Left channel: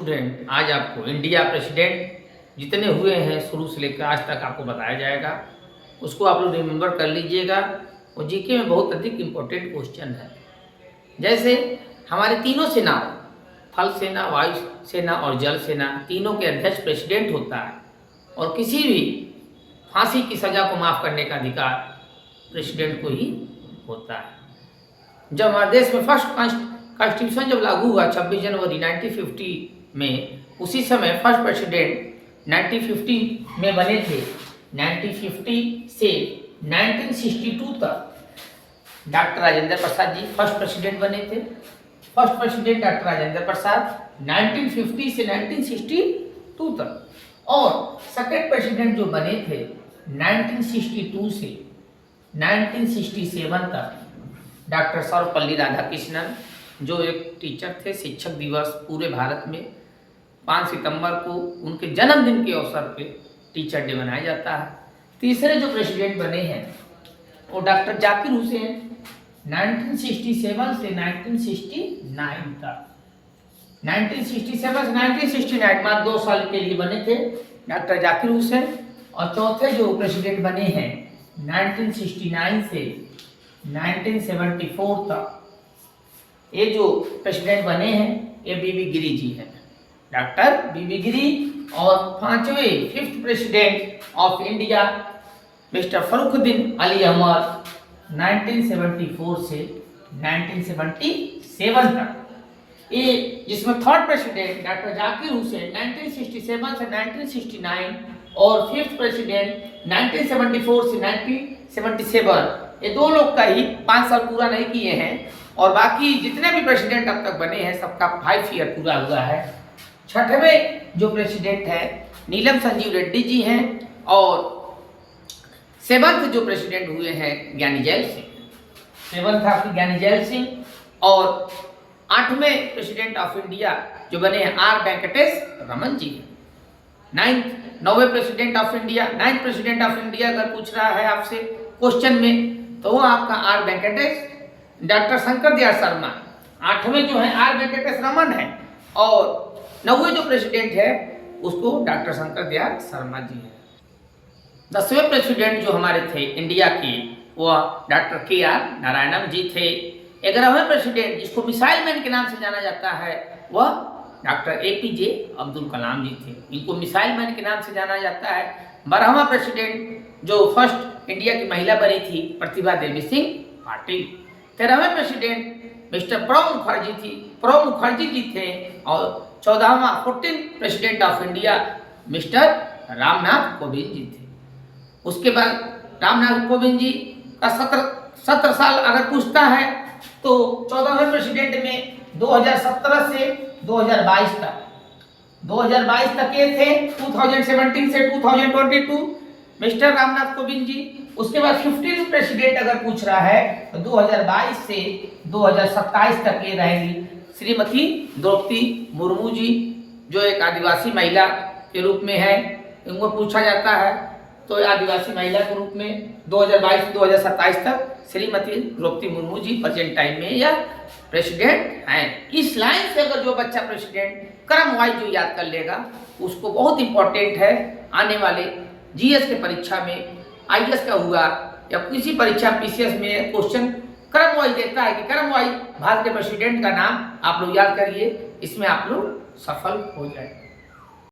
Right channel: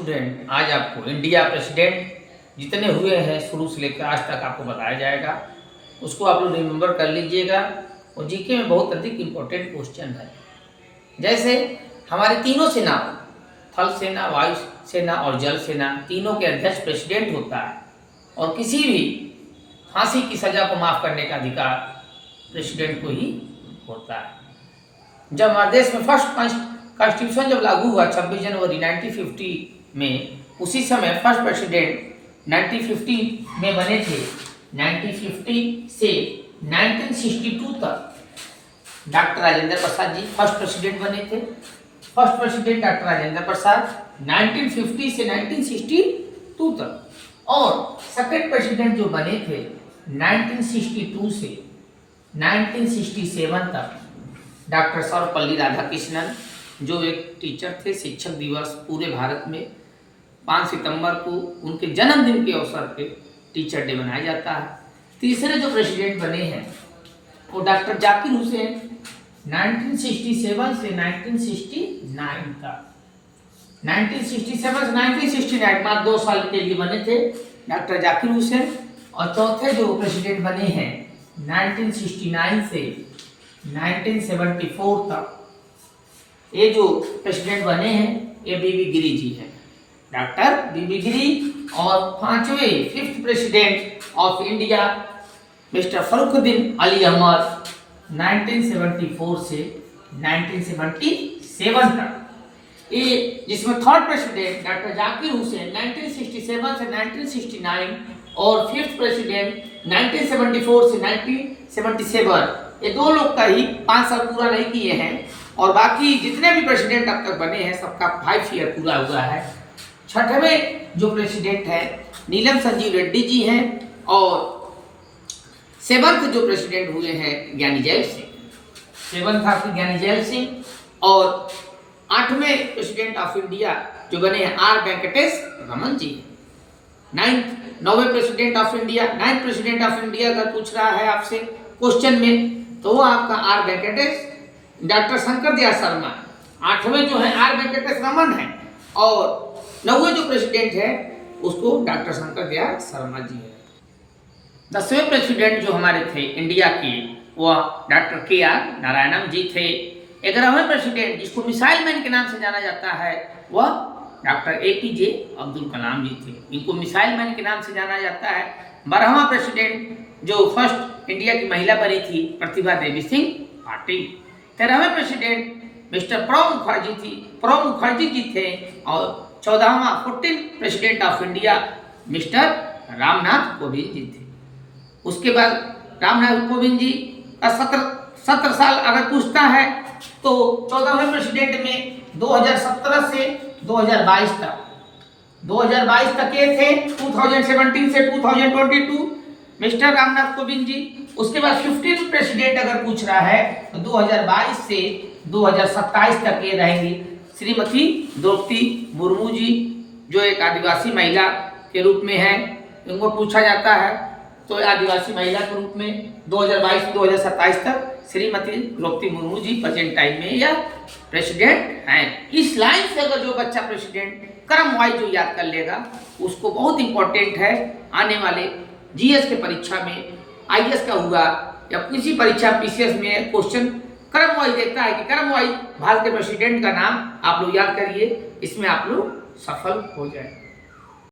Student, आज आपको India president जितने हुए हैं शुरू से लेकर आज तक आपको बताया जाएगा, उसको आप लोग रिमेंबर कर लीजिएगा। और जीके में बहुत अधिक इम्पोर्टेंट क्वेश्चन है। जैसे हमारे तीनों सेनाओं, थल सेना, वायु सेना और जल सेना, तीनों के अध्यक्ष प्रेसिडेंट होता है और किसी भी फांसी की सज़ा को माफ़ करने का अधिकार प्रेसिडेंट को ही होता है। जब हमारे देश में फर्स्ट कॉन्स्टिट्यूशन जब लागू हुआ 26 जनवरी 1950 में, उसी समय फर्स्ट प्रेसिडेंट 1950 में बने थे। 1950 से 1962 तक doctor Rajendra Prasad ji first president बने थे। First president doctor Rajendra Prasad 1950 से 1962 तक। और सेकेंड प्रेसिडेंट जो बने थे 1962 से 1967 तक डॉक्टर सर्वपल्ली राधाकृष्णन, जो एक टीचर थे। शिक्षक दिवस पूरे भारत में 5 सितंबर को उनके जन्मदिन के अवसर पे टीचर डे मनाया जाता है। तीसरे जो प्रेसिडेंट बने हैं वो डॉक्टर जाकिर हुसैन 1967 से 1969 तक। 1967 से 1969 में 2 साल के लिए बने थे डॉक्टर जाकिर हुसैन। और चौथे जो प्रेसिडेंट बने हैं 1969 से 1974 तक, ये जो प्रेसिडेंट बने हैं ये बीबी गिरी जी हैं, डॉक्टर बीबी गिरी। और 5वें 5th president of India mister Fakhruddin Ali Ahmed 1974 से 1977 तक। ये जिसमें third president doctor Zakir Hussain 1967 से 1969 और 5th प्रेसिडेंट 1974 से 1977, ये 2 लोग का ही 5 साल पूरा नहीं किए हैं। और बाकी जितने भी प्रेसिडेंट अब तक बने हैं सबका 5 ईयर पूरा हुआ है। 6वें जो प्रेसिडेंट है नीलम संजीव रेड्डी जी हैं। और 7th जो प्रेसिडेंट हुए हैं ज्ञानी जैल सिंह, 7th आपके ज्ञानी जैल सिंह। और 8वें प्रेसिडेंट ऑफ इंडिया जो बने हैं आर वेंकटेश रमन जी हैं। 9वें president of India, 9th president of India अगर पूछ रहा है आपसे क्वेश्चन में तो वो आपका आर वेंकटेश डॉक्टर शंकर दयाल शर्मा। 8वें जो है आर वेंकटेश रमन है। और 9वें जो प्रेसिडेंट है उसको डॉक्टर शंकर दयाल शर्मा जी है। 10वें प्रेसिडेंट जो हमारे थे इंडिया के वह डॉक्टर KR नारायणन जी थे। 11वें प्रेसिडेंट जिसको मिसाइल मैन के नाम से जाना जाता है वह डॉक्टर APJ अब्दुल कलाम जी थे, इनको मिसाइल मैन के नाम से जाना जाता है। 12वां प्रेसिडेंट जो फर्स्ट इंडिया की महिला बनी थी प्रतिभा देवी सिंह पाटिल। 13वें प्रेसिडेंट मिस्टर प्रणब मुखर्जी जी थे। और 14वां 14th president of India mister Ramnath Kovind ji थे। उसके बाद रामनाथ कोविंद जी का 17 साल अगर पूछता है तो 14वें प्रेसिडेंट में 2017 से 2022 तक ये थे। 2017 से 2022 मिस्टर रामनाथ कोविंद जी। उसके बाद 15th प्रेसिडेंट अगर पूछ रहा है तो 2022 से 2027 तक ये रहेंगी श्रीमती द्रौपदी मुर्मू जी, जो एक आदिवासी महिला के रूप में है। इनको पूछा जाता है तो आदिवासी महिला के रूप में 2022 से 2027 तक श्रीमती द्रौपदी मुर्मू जी प्रेजेंट टाइम में या प्रेसिडेंट हैं। इस लाइन से अगर जो बच्चा प्रेसिडेंट क्रम वाइज जो याद कर लेगा उसको बहुत इंपॉर्टेंट है। आने वाले GS के परीक्षा में, IAS का हुआ या किसी परीक्षा PCS में क्वेश्चन क्रम वाइज देता है कि क्रम वाइज भारत के प्रेसिडेंट का नाम आप लोग याद करिए, इसमें आप लोग सफल हो जाए।